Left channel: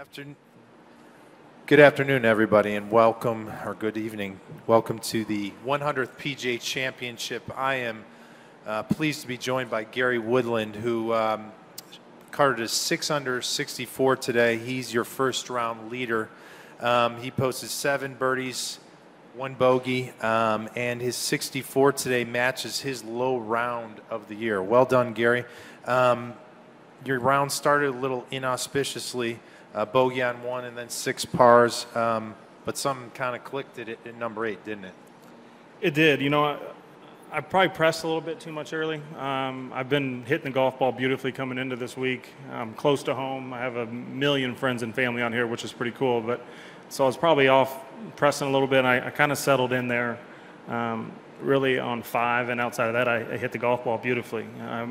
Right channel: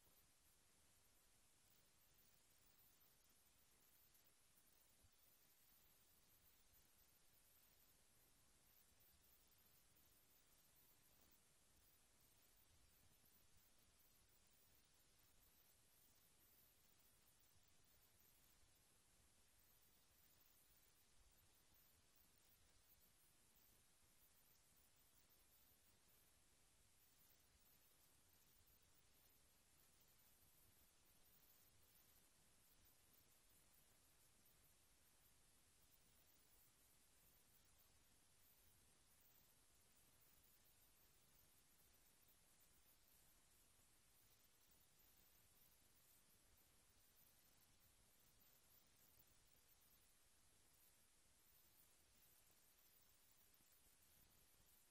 afternoon. Good afternoon, everybody, and welcome, or good evening. Welcome to the 100th PGA Championship. I am pleased to be joined by Gary Woodland, who carded a 6 under 64 today. He's your first round leader. He posted 7 birdies, 1 bogey, and his 64 today matches his low round of the year. Well done, Gary. Your round started a little inauspiciously. Bogey on 1 and then 6 pars, but something kind of clicked at number 8, didn't it? It did. You know, I probably pressed a little bit too much early. I've been hitting the golf ball beautifully coming into this week. I'm close to home. I have a million friends and family on here, which is pretty cool. But so I was probably off pressing a little bit. I kind of settled in there really on 5, and outside of that, I hit the golf ball beautifully.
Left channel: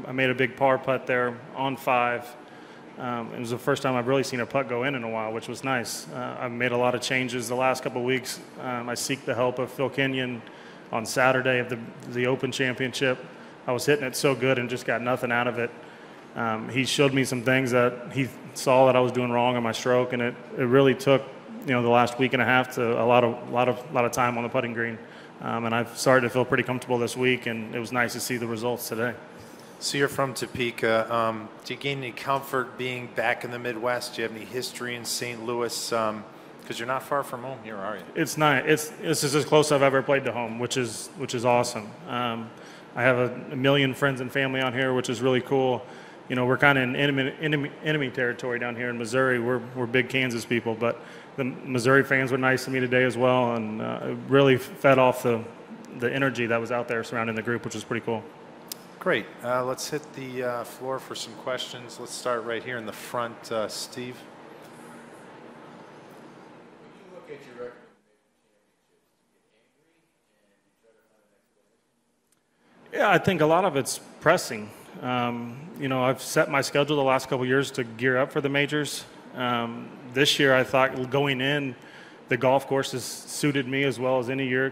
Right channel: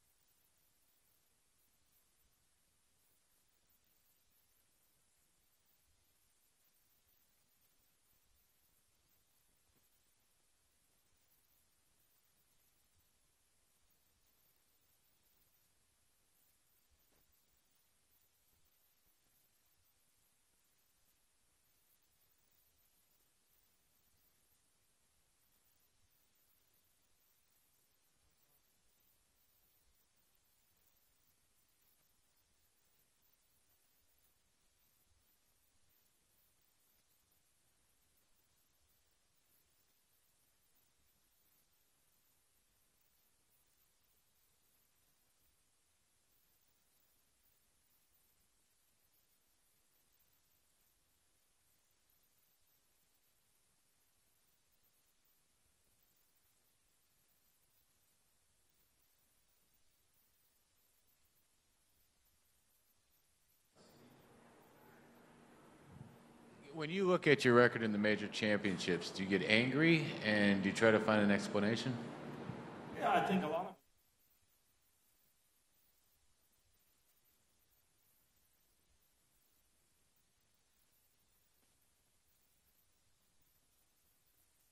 I made a big par putt there on 5. It was the first time I've really seen a putt go in a while, which was nice. I've made a lot of changes the last couple of weeks. I seek the help of Phil Kenyon on Saturday of the Open Championship. I was hitting it so good and just got nothing out of it. He showed me some things that he saw that I was doing wrong on my stroke, and it really took, you know, the last week and a half to a lot of time on the putting green. And I've started to feel pretty comfortable this week, and it was nice to see the results today. So you're from Topeka. Do you gain any comfort being back in the Midwest? Do you have any history in St. Louis? Because you're not far from home here, are you? It's not. This is as close as I've ever played to home, which is awesome. I have a million friends and family on here, which is really cool. You know, we're kind of in enemy territory down here in Missouri. We're big Kansas people, but the Missouri fans were nice to me today as well, and it really fed off the energy that was out there surrounding the group, which was pretty cool. Great. Let's hit the floor for some questions. Let's start right here in the front. Steve? When you look at your record in the major championships, do you get angry and do you try to find an explanation? Yeah, I think a lot of it's pressing. You know, I've set my schedule the last couple of years to gear up for the majors. This year I thought going in, the golf courses suited me as well as any year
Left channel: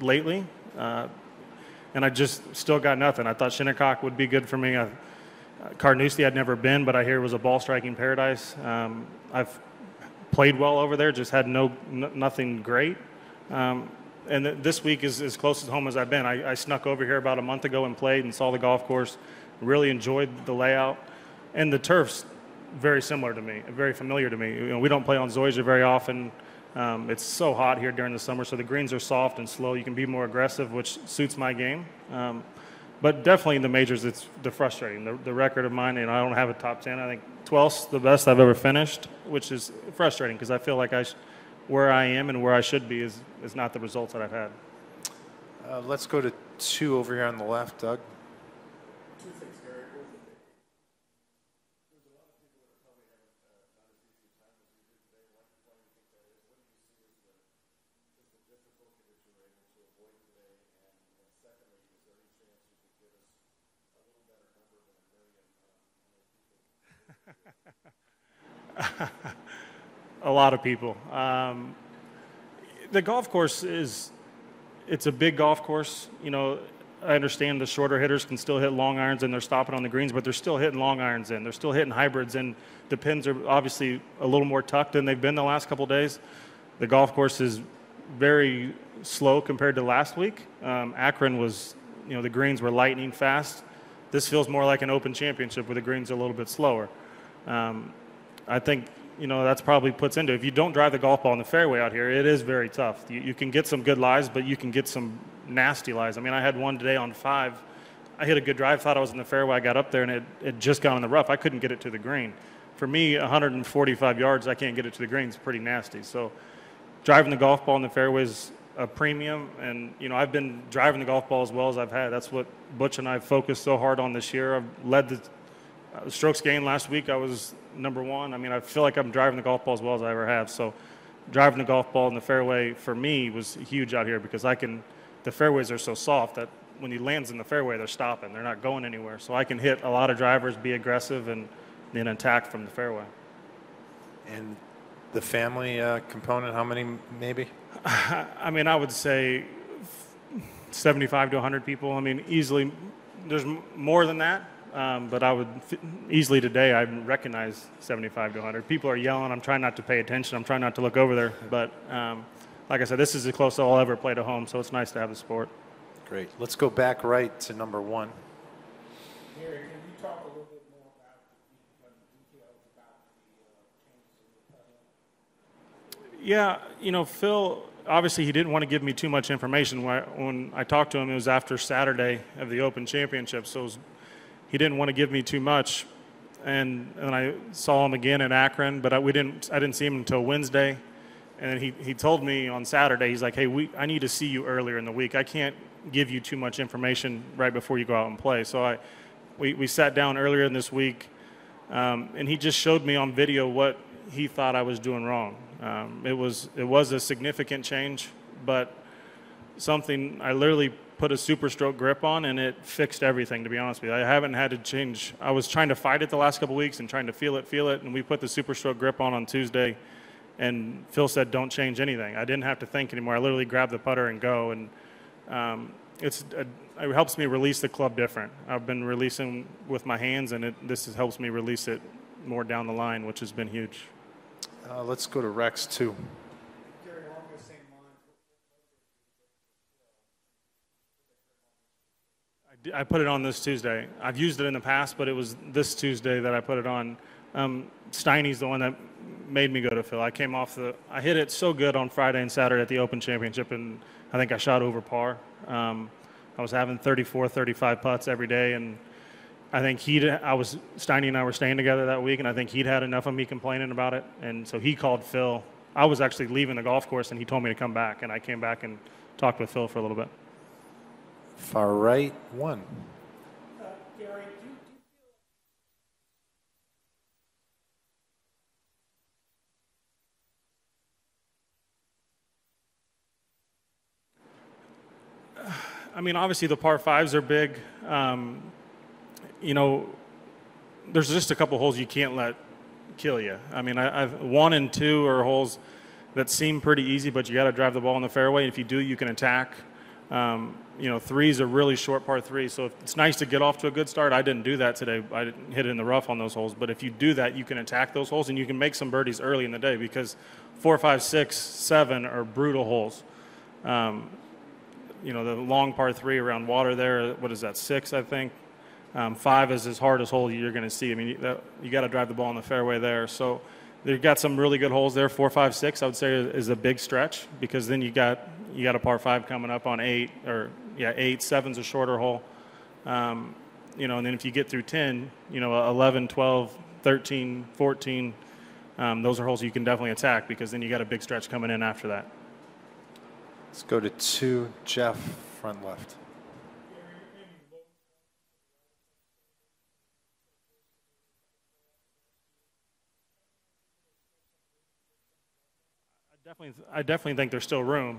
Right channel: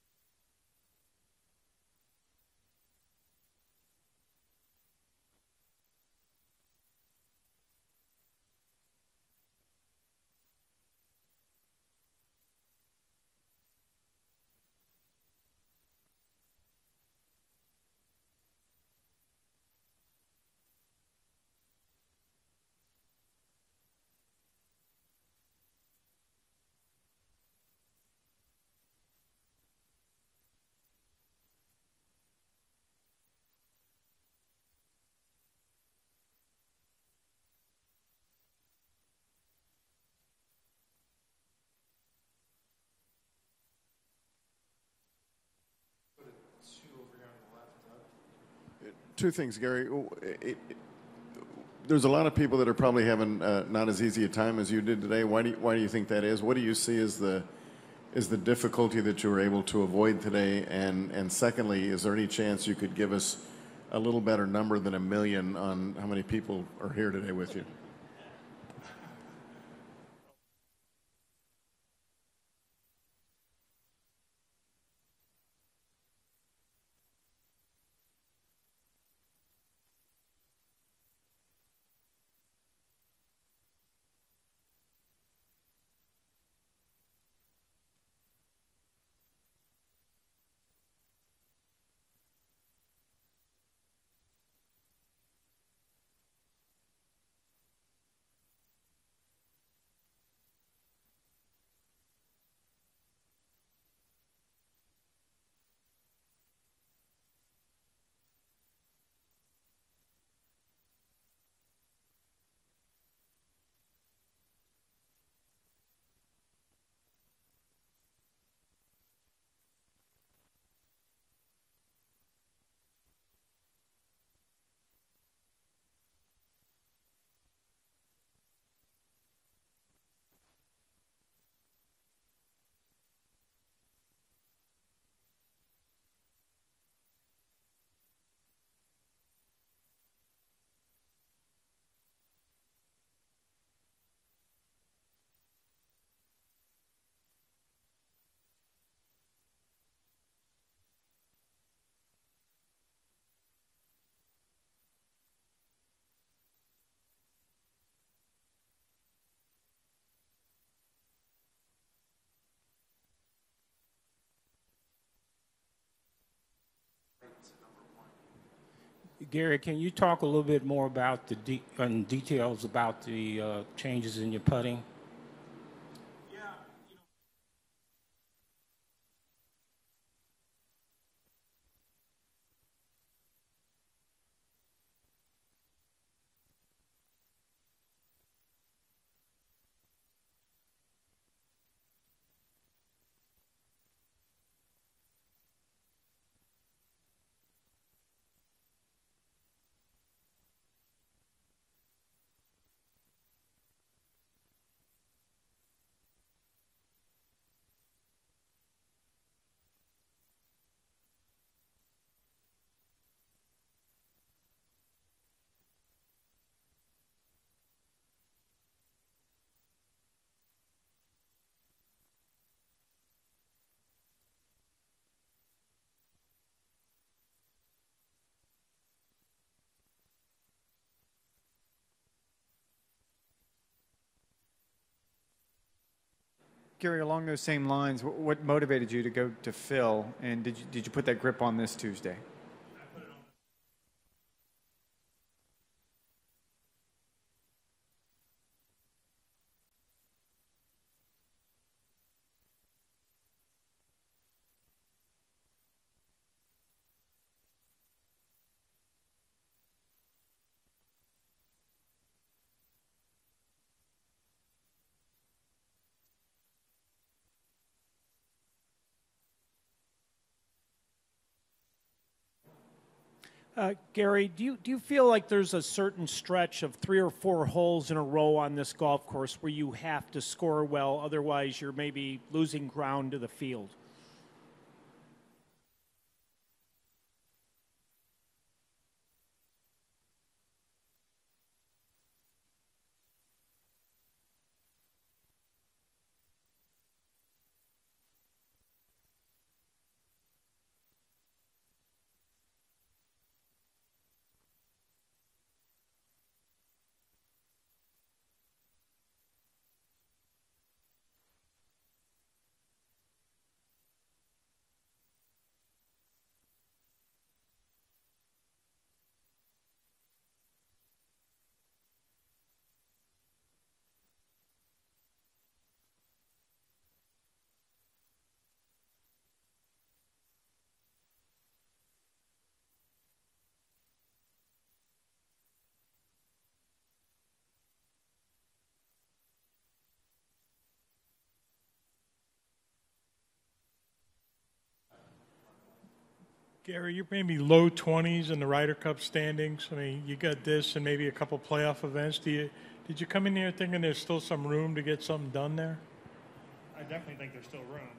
lately. And I just still got nothing. I thought Shinnecock would be good for me. Carnoustie I'd never been, but I hear it was a ball striking paradise. I've played well over there, just had nothing great. And this week is as close to home as I've been. I snuck over here about a month ago and played and saw the golf course. Really enjoyed the layout. And the turf's very similar to me, very familiar to me. You know, we don't play on Zoysia very often. It's so hot here during the summer, so the greens are soft and slow. You can be more aggressive, which suits my game. But definitely in the majors, it's frustrating. The record of mine, and I don't have a top 10. I think 12th's the best I've ever finished, which is frustrating because I feel like where I am and where I should be is not the results that I've had. Let's go to 2 over here on the left. Doug? 2 things, Gary. There's a lot of people that are probably having not as easy a time as you did today. Why do you think that is? What do you see as the difficulty that you were able to avoid today? And secondly, is there any chance you could give us a little better number than 1 million on how many people are here today with you? A lot of people. The golf course it's a big golf course. You know, I understand the shorter hitters can still hit long irons and they're stopping on the greens, but they're still hitting long irons in. They're still hitting hybrids, and the pins are obviously a little more tucked than they've been the last couple of days. The golf course is very slow compared to last week. Akron was, you know, the greens were lightning fast. This feels more like an Open Championship where the greens are a little bit slower. I think, you know, that's probably puts into, if you don't drive the golf ball in the fairway out here, it is very tough. You can get some good lies, but you can get some nasty lies. I mean, I had one today on 5. I hit a good drive, thought I was in the fairway. I got up there, and it just got in the rough. I couldn't get it to the green. For me, 145 yards, I can't get it to the green. It's pretty nasty. So driving the golf ball in the fairway is a premium. And, you know, I've been driving the golf ball as well as I've had. That's what Butch and I focused so hard on this year. I've led the strokes gained last week. I was number 1. I mean, I feel like I'm driving the golf ball as well as I ever have. So driving the golf ball in the fairway for me was huge out here because the fairways are so soft that when he lands in the fairway, they're stopping. They're not going anywhere. So I can hit a lot of drivers, be aggressive, and then attack from the fairway. And the family component, how many maybe? I mean, I would say 75 to 100 people. I mean, easily. There's more than that, but I would easily today, I recognize 75 to 100. People are yelling. I'm trying not to pay attention. I'm trying not to look over there. But like I said, this is the closest I'll ever play to home, so it's nice to have the sport. Great. Let's go back right to number 1. Gary, can you talk a little bit more about the details about the changes in your putting? Yeah, you know, Phil, obviously he didn't want to give me too much information. When I talked to him, it was after Saturday of the Open Championship, so he didn't want to give me too much. And I saw him again in Akron, but I didn't see him until Wednesday. And he told me on Saturday, he's like, hey, I need to see you earlier in the week. I can't give you too much information right before you go out and play. So we sat down earlier in this week, and he just showed me on video what he thought I was doing wrong. It was a significant change, but something I literally put a super stroke grip on, and it fixed everything, to be honest with you. I haven't had to change. I was trying to fight it the last couple of weeks and trying to feel it, and we put the super stroke grip on Tuesday, and Phil said, don't change anything. I didn't have to think anymore. I literally grabbed the putter and go, and it helps me release the club different. I've been releasing with my hands, and this helps me release it more down the line, which has been huge. Let's go to Rex 2. Gary, along those same lines, what motivated you to go to Phil, and did you put that grip on this Tuesday? I put it on this Tuesday. I've used it in the past, but it was this Tuesday that I put it on. Steiny's the one that made me go to Phil. I hit it so good on Friday and Saturday at the Open Championship, and I think I shot over par. I was having 34, 35 putts every day, and I think Steiny and I were staying together that week, and I think he'd had enough of me complaining about it, and so he called Phil. I was actually leaving the golf course, and he told me to come back, and I came back and talked with Phil for a little bit. Far right 1. Gary, do you feel like there's a certain stretch of 3 or 4 holes in a row on this golf course where you have to score well, otherwise you're maybe losing ground to the field? I mean, obviously the par 5s are big. You know, there's just a couple holes you can't let kill you. I mean, 1 and 2 are holes that seem pretty easy, but you got to drive the ball in the fairway. If you do, you can attack. You know, 3 is a really short par 3, so it's nice to get off to a good start. I didn't do that today. I didn't hit it in the rough on those holes, but if you do that, you can attack those holes, and you can make some birdies early in the day, because 4, 5, 6, 7 are brutal holes. You know, the long par 3 around water there, what is that, 6, I think? 5 is as hardest hole you're going to see. I mean, you got to drive the ball in the fairway there. So they've got some really good holes there. 4, 5, 6, I would say, is a big stretch, because then you got a par 5 coming up on 8, or 8, 7's a shorter hole. You know, and then if you get through 10, you know, 11, 12, 13, 14, those are holes you can definitely attack, because then you got a big stretch coming in after that. Let's go to 2. Jeff, front left. Gary, you're maybe low 20s in the Ryder Cup standings. I mean, you got this and maybe a couple playoff events. Did you come in here thinking there's still some room to get something done there? I definitely think there's still room.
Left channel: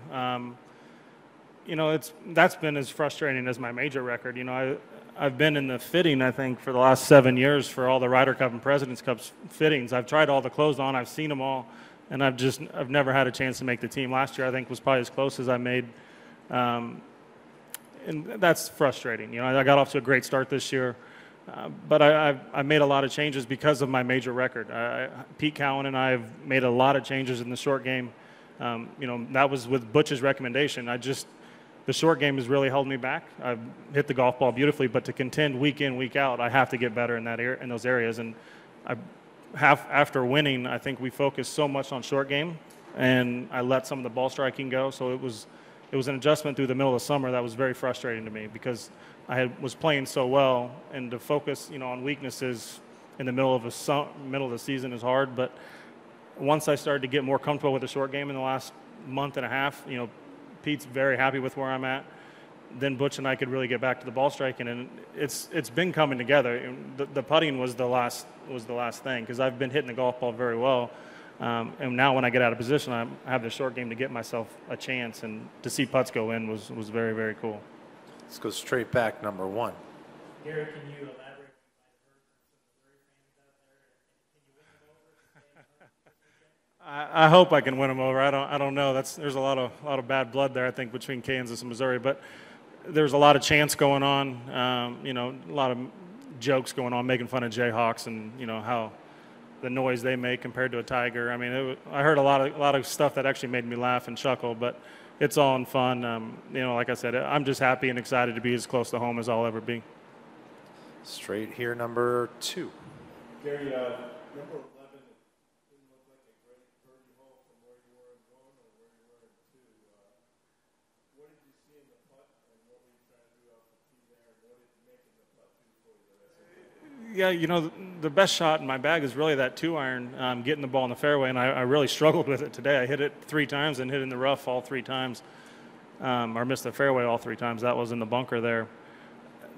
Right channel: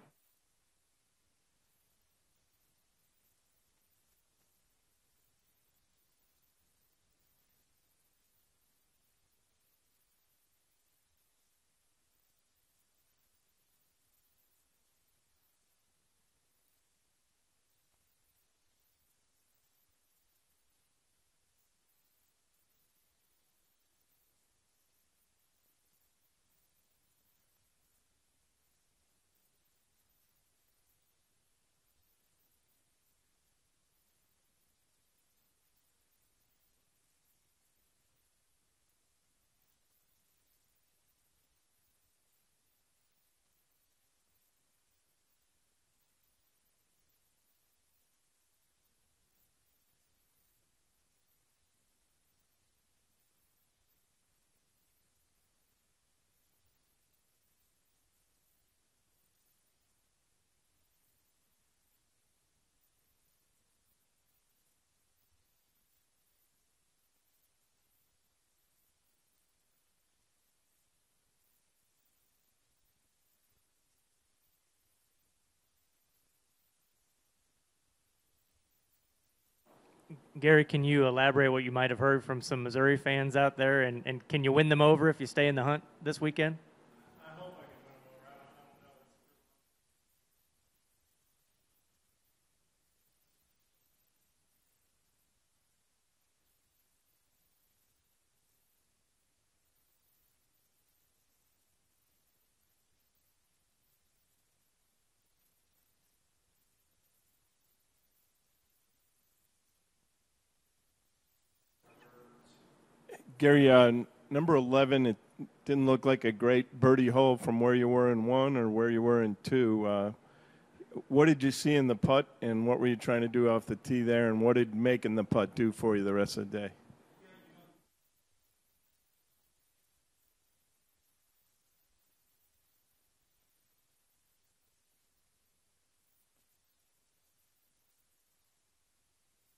You know, that's been as frustrating as my major record. You know, I've been in the fitting, I think, for the last 7 years for all the Ryder Cup and President's Cup fittings. I've tried all the clothes on. I've seen them all, and I've never had a chance to make the team. Last year, I think, was probably as close as I made. And that's frustrating. You know, I got off to a great start this year, but I've made a lot of changes because of my major record. Pete Cowan and I have made a lot of changes in the short game. You know, that was with Butch's recommendation. The short game has really held me back. I've hit the golf ball beautifully, but to contend week in, week out, I have to get better in those areas. And after winning, I think we focused so much on short game, and I let some of the ball striking go. So it was an adjustment through the middle of the summer that was very frustrating to me, because I was playing so well, and to focus, you know, on weaknesses in the middle of the season is hard. But once I started to get more comfortable with the short game in the last month and a half, you know, Pete's very happy with where I'm at. Then Butch and I could really get back to the ball striking, and it's been coming together. The putting was the last thing, because I've been hitting the golf ball very well. And now when I get out of position, I have the short game to get myself a chance, and to see putts go in was very, very cool. Let's go straight back, number 1. Gary, can you elaborate what you might have heard from some Missouri fans out there, and can you win them over if you stay in the hunt this weekend? I hope I can win them over. I don't know. There's a lot of bad blood there, I think, between Kansas and Missouri, but there's a lot of chance going on. You know, a lot of jokes going on, making fun of Jayhawks and, you know, how the noise they make compared to a Tiger. I mean, I heard a lot of stuff that actually made me laugh and chuckle, but it's all in fun. You know, like I said, I'm just happy and excited to be as close to home as I'll ever be. Straight here, number 2. Gary, number 11, it didn't look like a great birdie hole from where you were in 1 or where you were in 2. What did you see in the putt, and what were you trying to do off the tee there, and what did making the putt do for you the rest of the day? Yeah, you know, the best shot in my bag is really that 2-iron, getting the ball in the fairway, and I really struggled with it today. I hit it 3 times and hit in the rough all 3 times, or missed the fairway all 3 times. That was in the bunker there.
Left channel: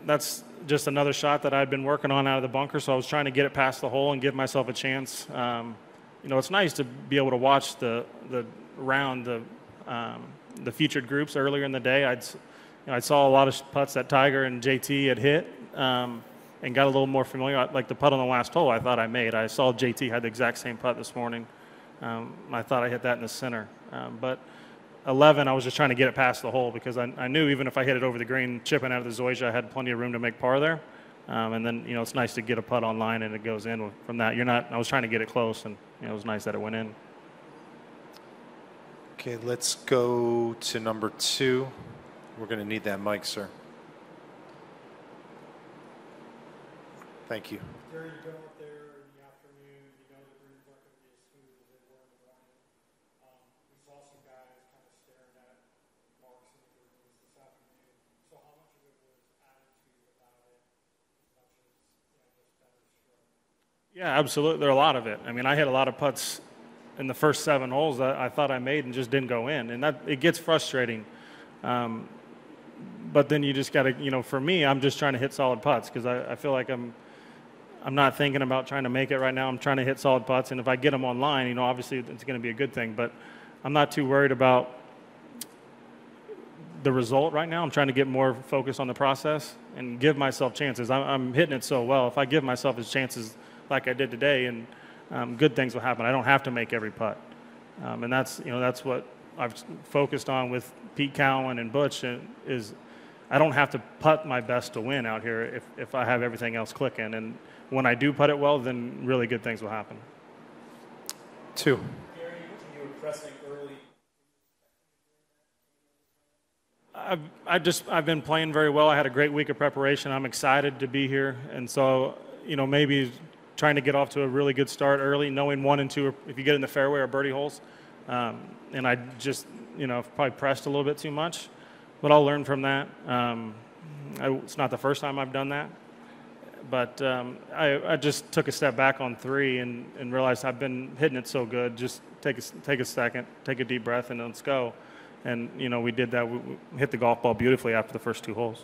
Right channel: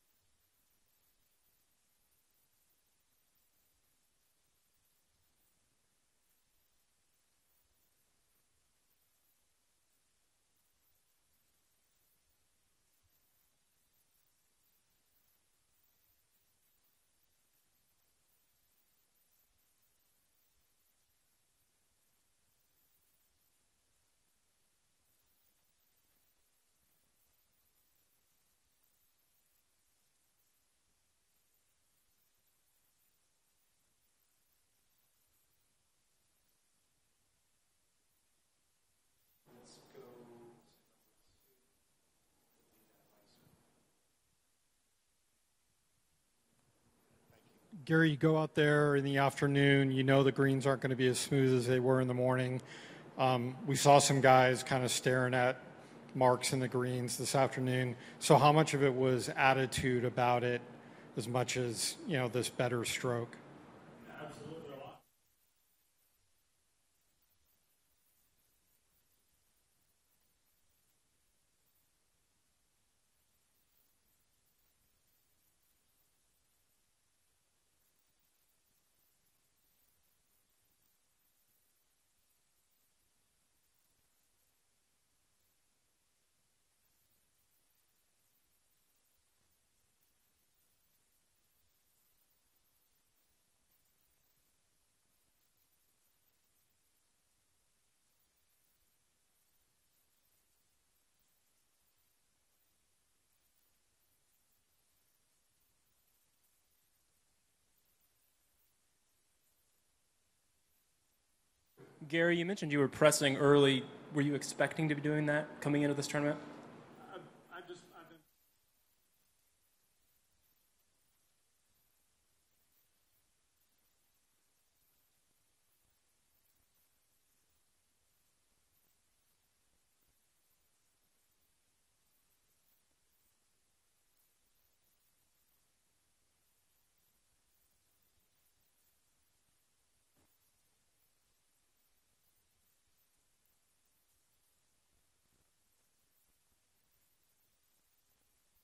That's just another shot that I'd been working on out of the bunker, so I was trying to get it past the hole and give myself a chance. You know, it's nice to be able to watch the featured groups earlier in the day. I saw a lot of putts that Tiger and JT had hit, and got a little more familiar. Like the putt on the last hole, I thought I made. I saw JT had the exact same putt this morning. I thought I hit that in the center. But 11, I was just trying to get it past the hole because I knew even if I hit it over the green, chipping out of the Zoysia, I had plenty of room to make par there. And then, you know, it's nice to get a putt on line and it goes in from that. I was trying to get it close, and, you know, it was nice that it went in. Okay, let's go to number 2. We're going to need that mic, sir. Thank you. Gary, you go out there in the afternoon, you know the greens aren't going to be as smooth as they were in the morning. We saw some guys kind of staring at marks in the greens this afternoon. So how much of it was attitude about it as much as, you know, this better stroke? Yeah, absolutely. There are a lot of it. I mean, I hit a lot of putts in the first 7 holes that I thought I made and just didn't go in. And it gets frustrating. But then you just got to, you know, for me, I'm just trying to hit solid putts because I feel like I'm not thinking about trying to make it right now. I'm trying to hit solid putts, and if I get them online, you know, obviously it's going to be a good thing. But I'm not too worried about the result right now. I'm trying to get more focused on the process and give myself chances. I'm hitting it so well. If I give myself his chances like I did today, and good things will happen. I don't have to make every putt, and that's what I've focused on with Pete Cowan and Butch is I don't have to putt my best to win out here if I have everything else clicking. And when I do putt it well, then really good things will happen. 2. Gary, you mentioned you were pressing early. Were you expecting to be doing that coming into this tournament? I've been playing very well. I had a great week of preparation. I'm excited to be here. And so, you know, maybe trying to get off to a really good start early, knowing 1 and 2, if you get in the fairway, are birdie holes. And I just, you know, probably pressed a little bit too much. But I'll learn from that. It's not the first time I've done that. But I just took a step back on 3 and realized I've been hitting it so good. Just take a second, take a deep breath, and let's go. And, you know, we did that. We hit the golf ball beautifully after the first 2 holes.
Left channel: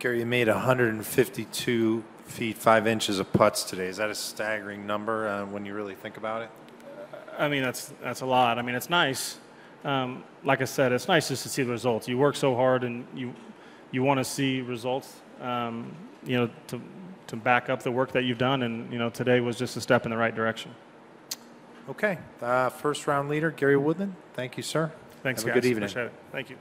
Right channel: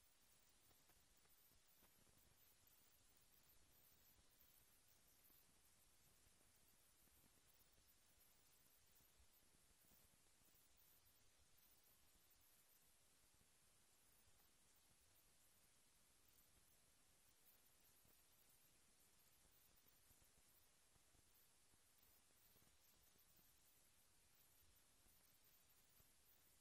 Gary, you made 152 feet 5 inches of putts today. Is that a staggering number when you really think about it? I mean, that's a lot. I mean, it's nice. Like I said, it's nice just to see the results. You work so hard, and you want to see results, you know, to back up the work that you've done. And, you know, today was just a step in the right direction. Okay. First round leader, Gary Woodland. Thank you, sir. Thanks, Have guys. a good evening. Appreciate it. Thank you.